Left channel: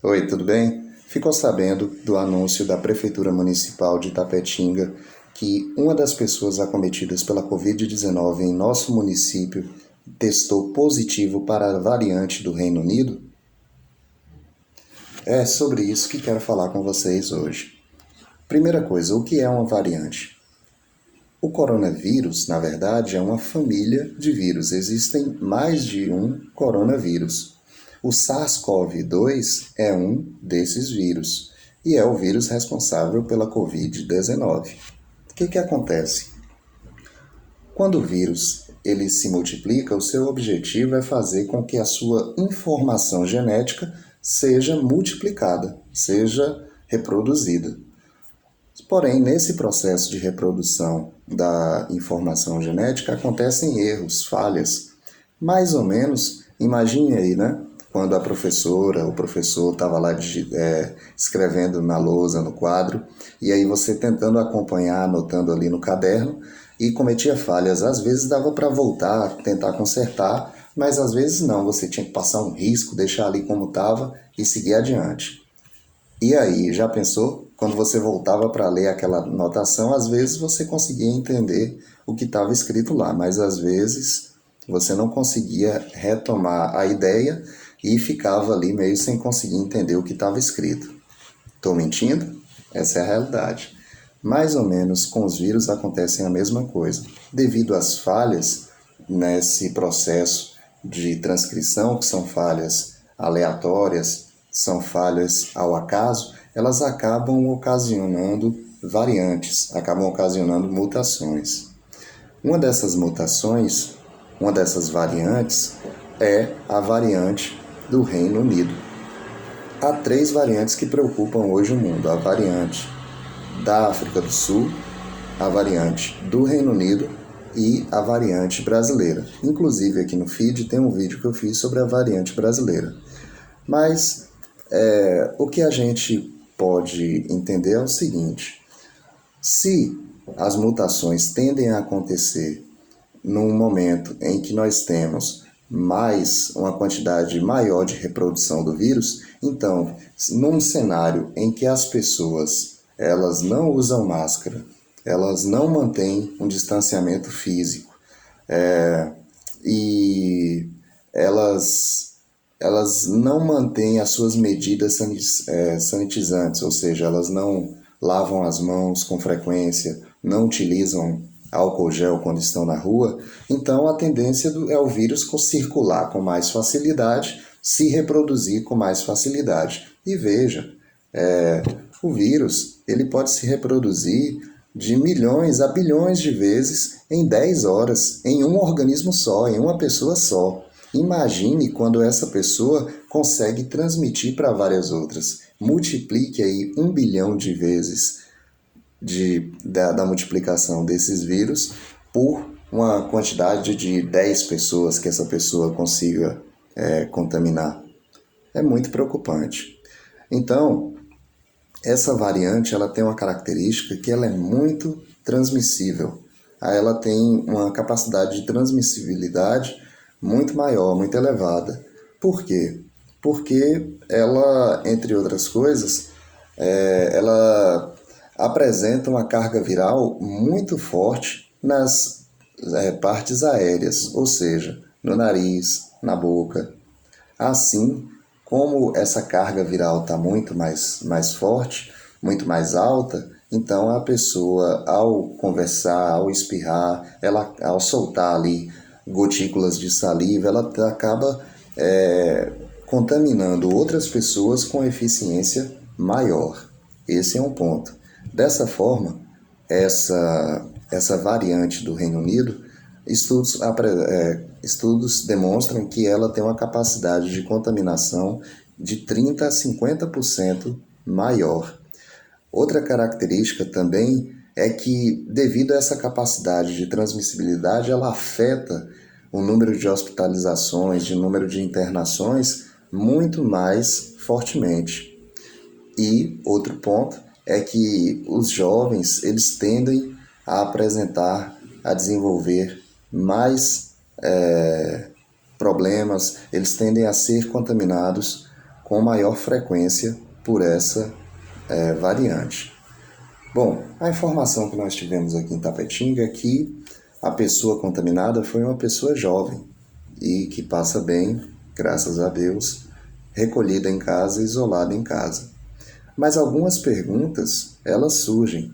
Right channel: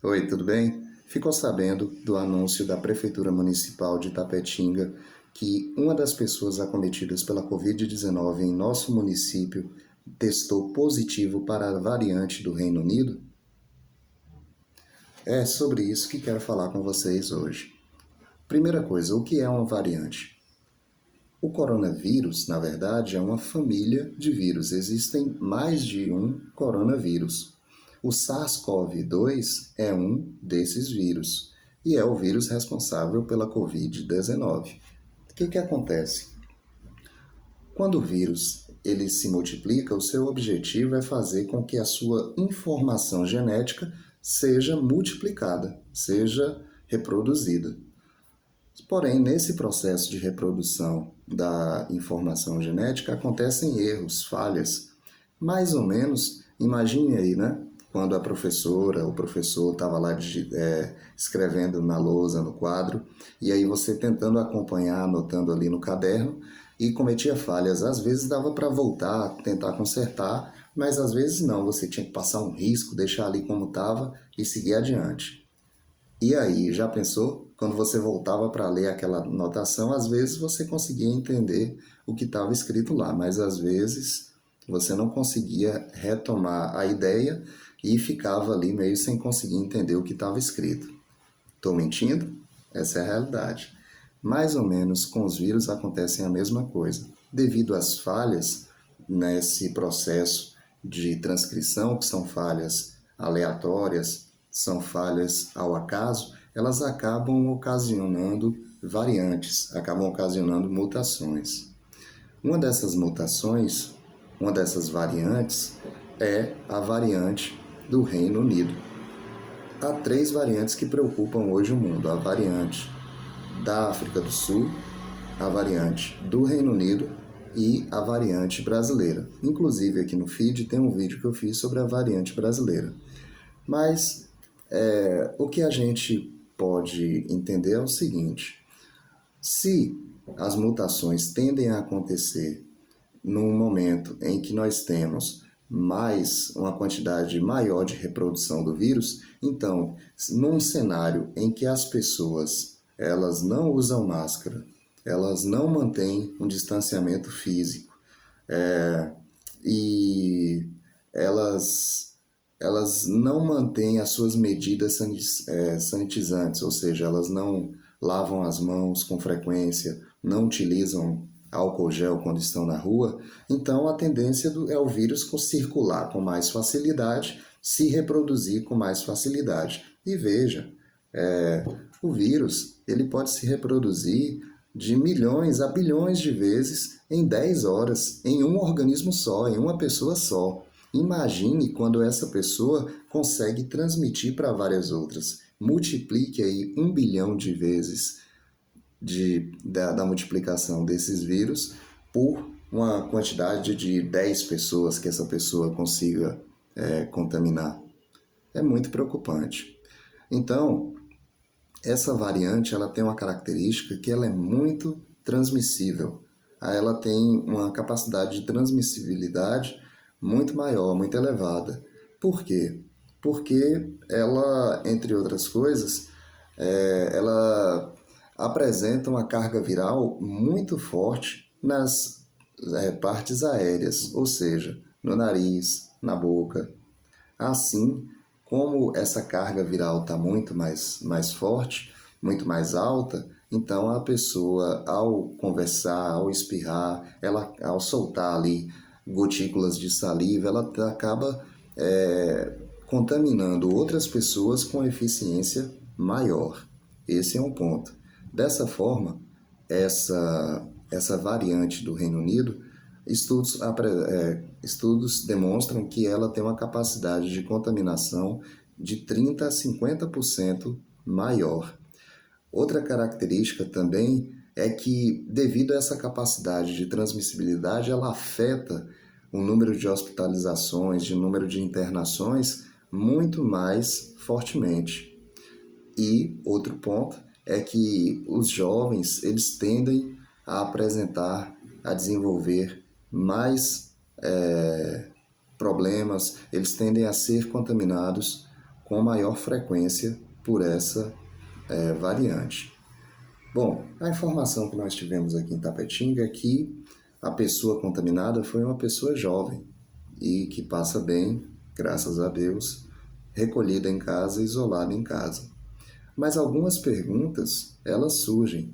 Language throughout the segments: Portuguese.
Oi, tudo bem? Ficou sabendo do anúncio da Prefeitura Municipal de Itapetinga que uma das pessoas acometidas pela Covid-19 em nosso município testou positivo para a variante do Reino Unido? É sobre isso que quero falar com vocês hoje. Primeira coisa, o que é uma variante? O coronavírus, na verdade, é uma família de vírus. Existem mais de um coronavírus. O SARS-CoV-2 é um desses vírus e é o vírus responsável pela Covid-19. O que acontece? Quando o vírus ele se multiplica, o seu objetivo é fazer com que a sua informação genética seja multiplicada, seja reproduzida. Porém, nesse processo de reprodução da informação genética acontecem erros, falhas. Mais ou menos, imagine aí, né? Quando a professora, o professor estava lá escrevendo na lousa, no quadro, e aí você tentando acompanhar, anotando ali no caderno, e cometia falhas. Às vezes dava para voltar, tentar consertar, mas às vezes não, você tinha que passar um risco, deixar ali como estava e seguir adiante. E aí, já pensou? Quando você voltava para ler aquela anotação, às vezes você conseguia entender o que estava escrito lá, mas às vezes você não conseguia retomar a ideia e ficava ali meio sem conseguir entender o que estava escrito. Estou mentindo? Essa é a realidade. Mais ou menos com os vírus acontecem a mesma coisa. Devido às falhas nesse processo de transcrição, que são falhas aleatórias, são falhas ao acaso, elas acabam ocasionando variantes, acabam ocasionando mutações. Uma dessas mutações, uma dessas variantes, é a variante do Reino Unido. Há três variantes que preocupam hoje o mundo: a variante da África do Sul, a variante do Reino Unido e a variante brasileira. Inclusive aqui no feed tem um vídeo que eu fiz sobre a variante brasileira. Mas o que a gente pode entender é o seguinte: se as mutações tendem a acontecer num momento em que nós temos uma quantidade maior de reprodução do vírus, então, num cenário em que as pessoas elas não usam máscara, elas não mantêm um distanciamento físico, e elas não mantêm as suas medidas sanitizantes, ou seja, elas não lavam as mãos com frequência, não utilizam álcool gel quando estão na rua, então a tendência é o vírus circular com mais facilidade, se reproduzir com mais facilidade. E veja, o vírus ele pode se reproduzir de milhões a bilhões de vezes em 10 horas, em um organismo só, em uma pessoa só. Imagine quando essa pessoa consegue transmitir para várias outras. Multiplique aí 1 bilhão de vezes da multiplicação desses vírus por uma quantidade de 10 pessoas que essa pessoa consiga contaminar. É muito preocupante. Então, essa variante ela tem uma característica que ela é muito transmissível. Ela tem uma capacidade de transmissibilidade muito maior, muito elevada. Por quê? Porque ela, entre outras coisas, ela apresenta uma carga viral muito forte nas partes aéreas, ou seja, no nariz, na boca. Assim, como essa carga viral está muito mais forte, muito mais alta, então a pessoa, ao conversar, ao espirrar, ao soltar ali gotículas de saliva, ela acaba contaminando outras pessoas com eficiência maior. Esse é um ponto. Dessa forma, essa variante do Reino Unido, estudos demonstram que ela tem uma capacidade de contaminação de 30 a 50% maior. Outra característica também é que, devido a essa capacidade de transmissibilidade, ela afeta o número de hospitalizações, de número de internações muito mais fortemente. E outro ponto é que os jovens eles tendem a desenvolver mais problemas, eles tendem a ser contaminados com maior frequência por essa variante. Bom, a informação que nós tivemos aqui em Tapetinga é que a pessoa contaminada foi uma pessoa jovem e que passa bem, graças a Deus, recolhida em casa, isolada em casa. Mas algumas perguntas, elas surgem.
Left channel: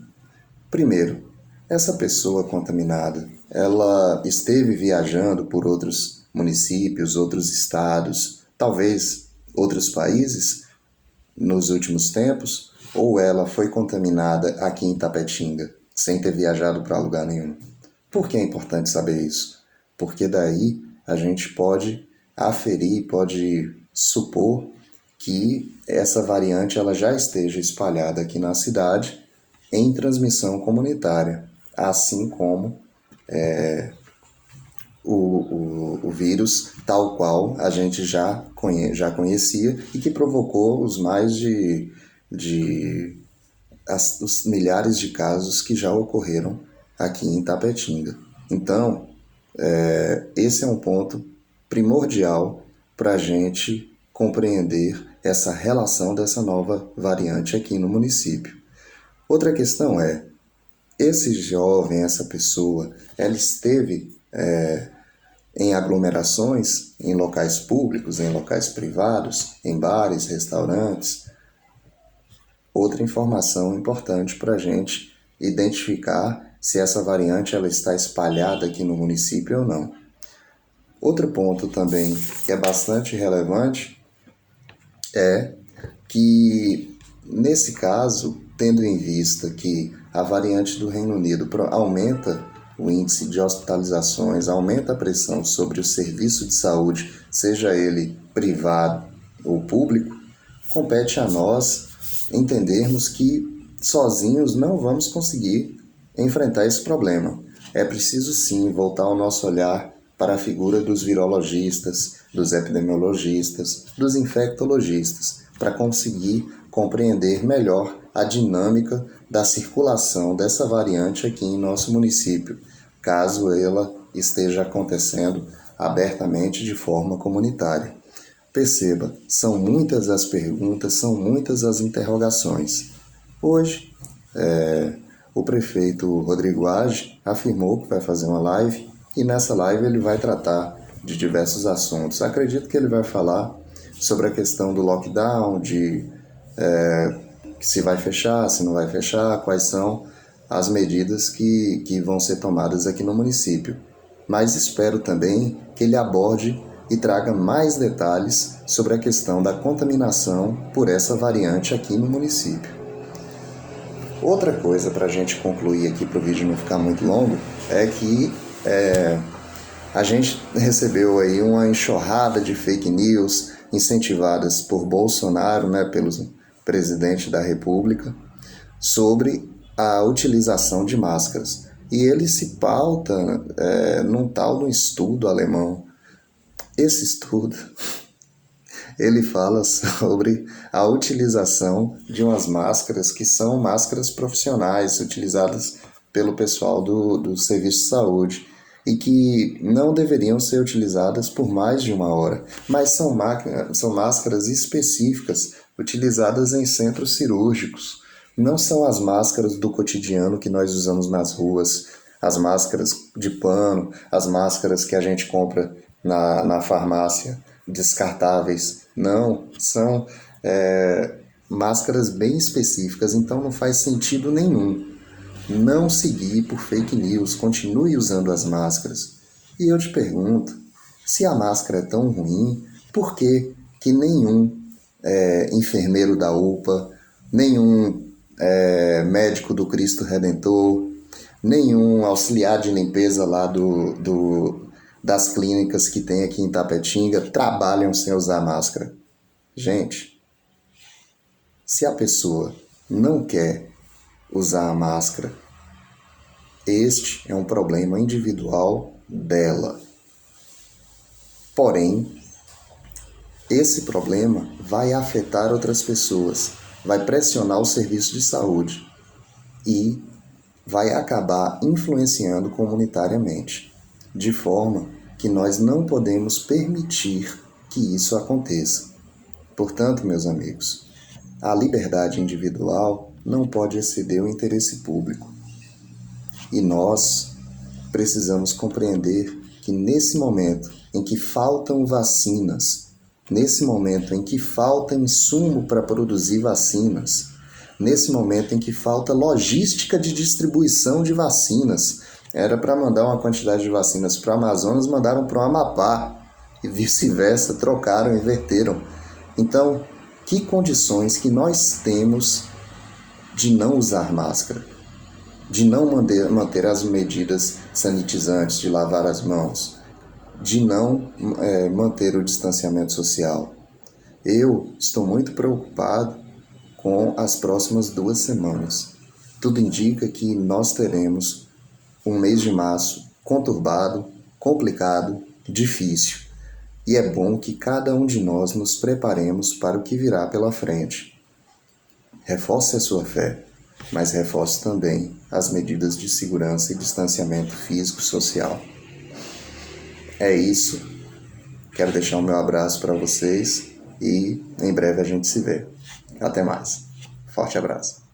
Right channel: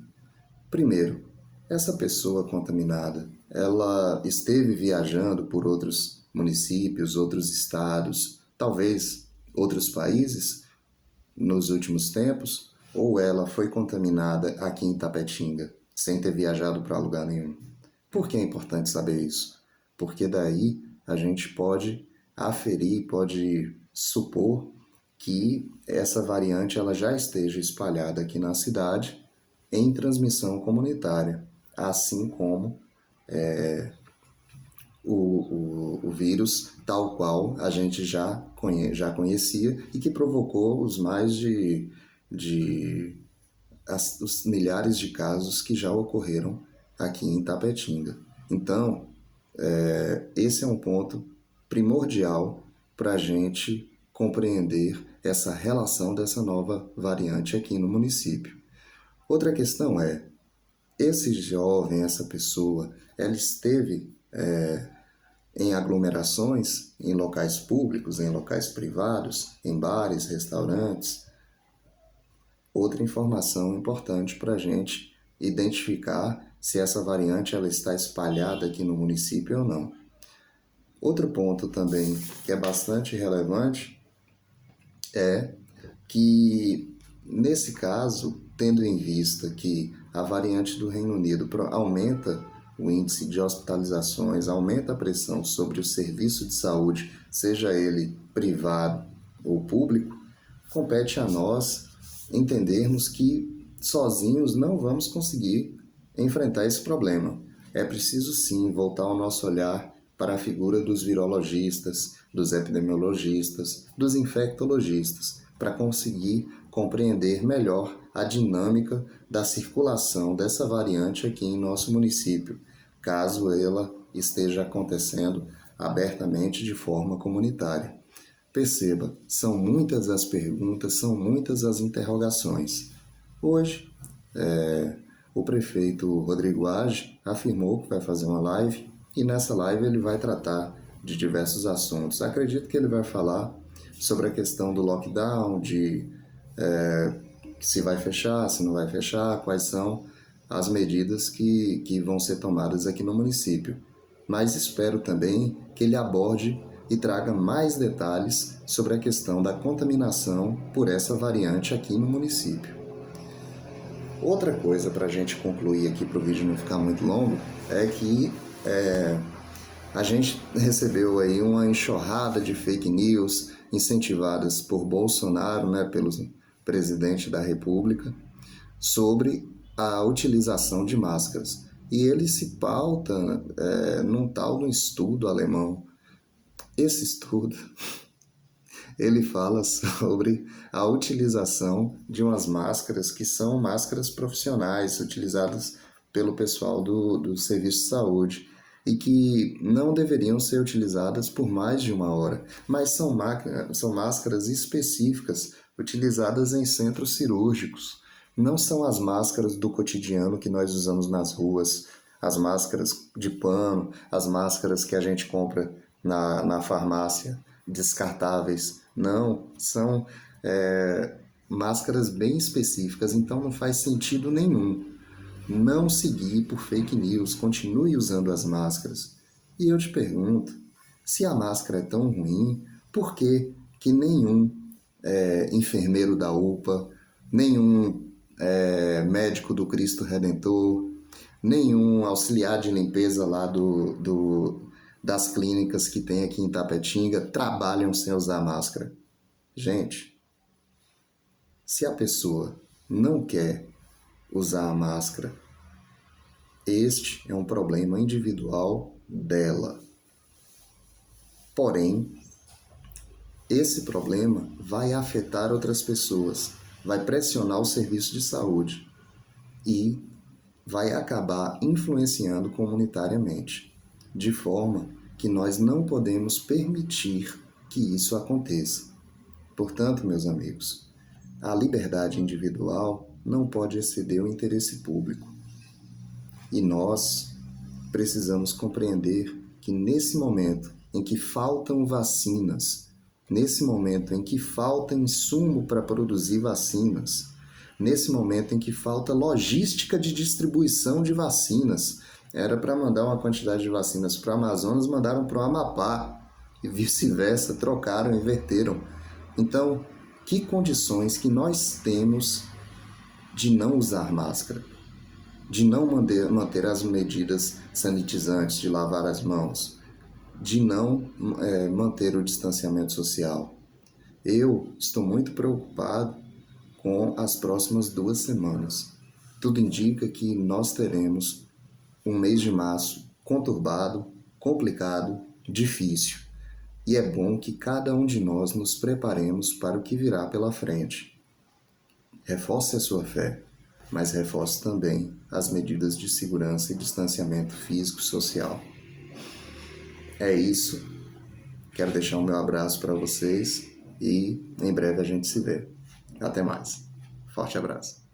Primeiro, essa pessoa contaminada, ela esteve viajando por outros municípios, outros estados, talvez outros países nos últimos tempos, ou ela foi contaminada aqui em Tapetinga, sem ter viajado para lugar nenhum? Por que é importante saber isso? Porque daí a gente pode aferir, pode supor que essa variante ela já esteja espalhada aqui na cidade em transmissão comunitária, assim como o vírus tal qual a gente já conhecia e que provocou os os milhares de casos que já ocorreram aqui em Tapetinga. Então, esse é um ponto primordial para a gente compreender essa relação dessa nova variante aqui no município. Outra questão é, esse jovem, essa pessoa, ela esteve em aglomerações, em locais públicos, em locais privados, em bares, restaurantes. Outra informação importante para a gente identificar se essa variante ela está espalhada aqui no município ou não. Outro ponto também que é bastante relevante é que, nesse caso, tendo em vista que a variante do Reino Unido aumenta o índice de hospitalizações, aumenta a pressão sobre o serviço de saúde, seja ele privado ou público, compete a nós entendermos que sozinhos não vamos conseguir enfrentar esse problema. É preciso sim voltar o nosso olhar para a figura dos virologistas, dos epidemiologistas, dos infectologistas, para conseguir compreender melhor a dinâmica da circulação dessa variante aqui em nosso município, caso ela esteja acontecendo abertamente de forma comunitária. Perceba, são muitas as perguntas, são muitas as interrogações. Hoje, o prefeito Rodrigo Age afirmou que vai fazer uma live e nessa live ele vai tratar de diversos assuntos. Acredito que ele vai falar sobre a questão do lockdown, de se vai fechar, se não vai fechar, quais são as medidas que vão ser tomadas aqui no município. Mas espero também que ele aborde e traga mais detalhes sobre a questão da contaminação por essa variante aqui no município. Outra coisa para a gente concluir aqui, para o vídeo não ficar muito longo, é que a gente recebeu aí uma enxurrada de fake news incentivadas por Bolsonaro, pelo presidente da República, sobre a utilização de máscaras. E ele se pauta num tal de um estudo alemão. Esse estudo, ele fala sobre a utilização de umas máscaras que são máscaras profissionais, utilizadas pelo pessoal do serviço de saúde, e que não deveriam ser utilizadas por mais de 1 hora, mas são máscaras específicas, utilizadas em centros cirúrgicos. Não são as máscaras do cotidiano que nós usamos nas ruas, as máscaras de pano, as máscaras que a gente compra na farmácia, descartáveis. Não, são máscaras bem específicas, então não faz sentido nenhum não seguir por fake news, continue usando as máscaras. E eu te pergunto, se a máscara é tão ruim, por que nenhum enfermeiro da UPA, nenhum médico do Cristo Redentor, nenhum auxiliar de limpeza lá das clínicas que tem aqui em Tapetinga trabalham sem usar máscara? Gente, se a pessoa não quer usar a máscara, este é um problema individual dela. Porém, esse problema vai afetar outras pessoas, vai pressionar o serviço de saúde e vai acabar influenciando comunitariamente, de forma que nós não podemos permitir que isso aconteça. Portanto, meus amigos, a liberdade individual não pode exceder o interesse público. E nós precisamos compreender que nesse momento em que faltam vacinas, nesse momento em que falta insumo para produzir vacinas, nesse momento em que falta logística de distribuição de vacinas, era para mandar uma quantidade de vacinas para o Amazonas, mandaram para o Amapá e vice-versa, trocaram, inverteram. Então, que condições que nós temos de não usar máscara, de não manter as medidas sanitizantes, de lavar as mãos, de não manter o distanciamento social. Eu estou muito preocupado com as próximas 2 semanas. Tudo indica que nós teremos um mês de março conturbado, complicado, difícil. E é bom que cada um de nós nos preparemos para o que virá pela frente. Reforce a sua fé, mas reforce também as medidas de segurança e distanciamento físico-social. É isso. Quero deixar o meu abraço para vocês e em breve a gente se vê. Até mais. Forte abraço.